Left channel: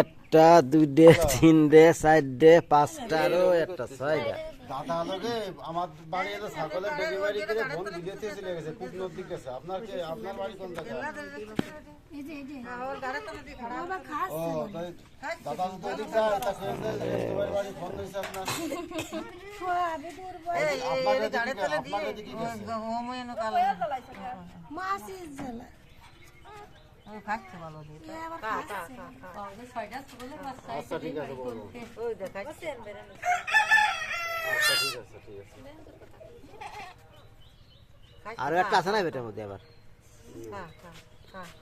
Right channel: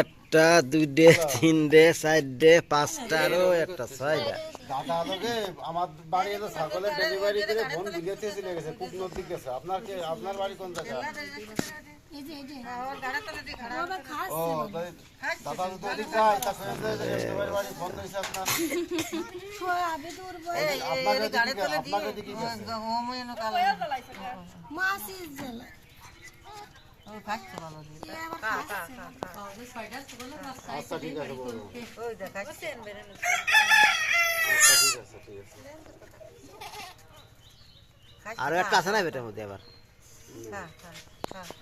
একটা দুইটে তিনটে চারটে পাঁচটারও একটা ছয়টা। আমার বাড়ি এলো ছাগলের ডেলিভারি করে বোন বিদেশে চলে গেছে কুটনোর গেছে। আপনার কি আপনার বাড়ি কোন জায়গা ও আচ্ছা ঠিক আছে আচ্ছা ঠিক আছে ঠিক আছে। আরও একটা আছে না বেটার মধ্যে আবার? হ্যাঁ এইবার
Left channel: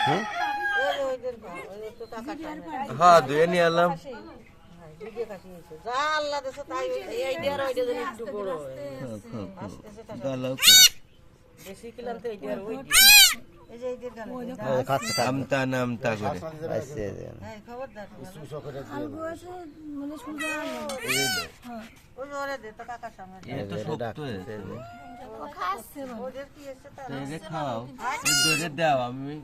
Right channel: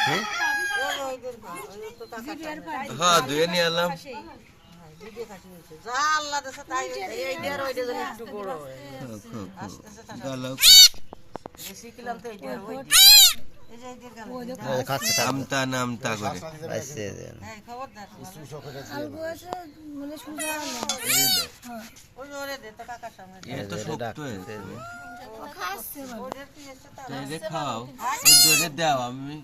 হ্যাঁ? হ্যাঁ দুয়ে নিয়ে এলাম। আমতা নামতা করে খাচ্ছে আলগো আছে মানে সুজা এত শক্ত হয়েছে খাচ্ছে তো এদের খাও ওই দরে দাও আমি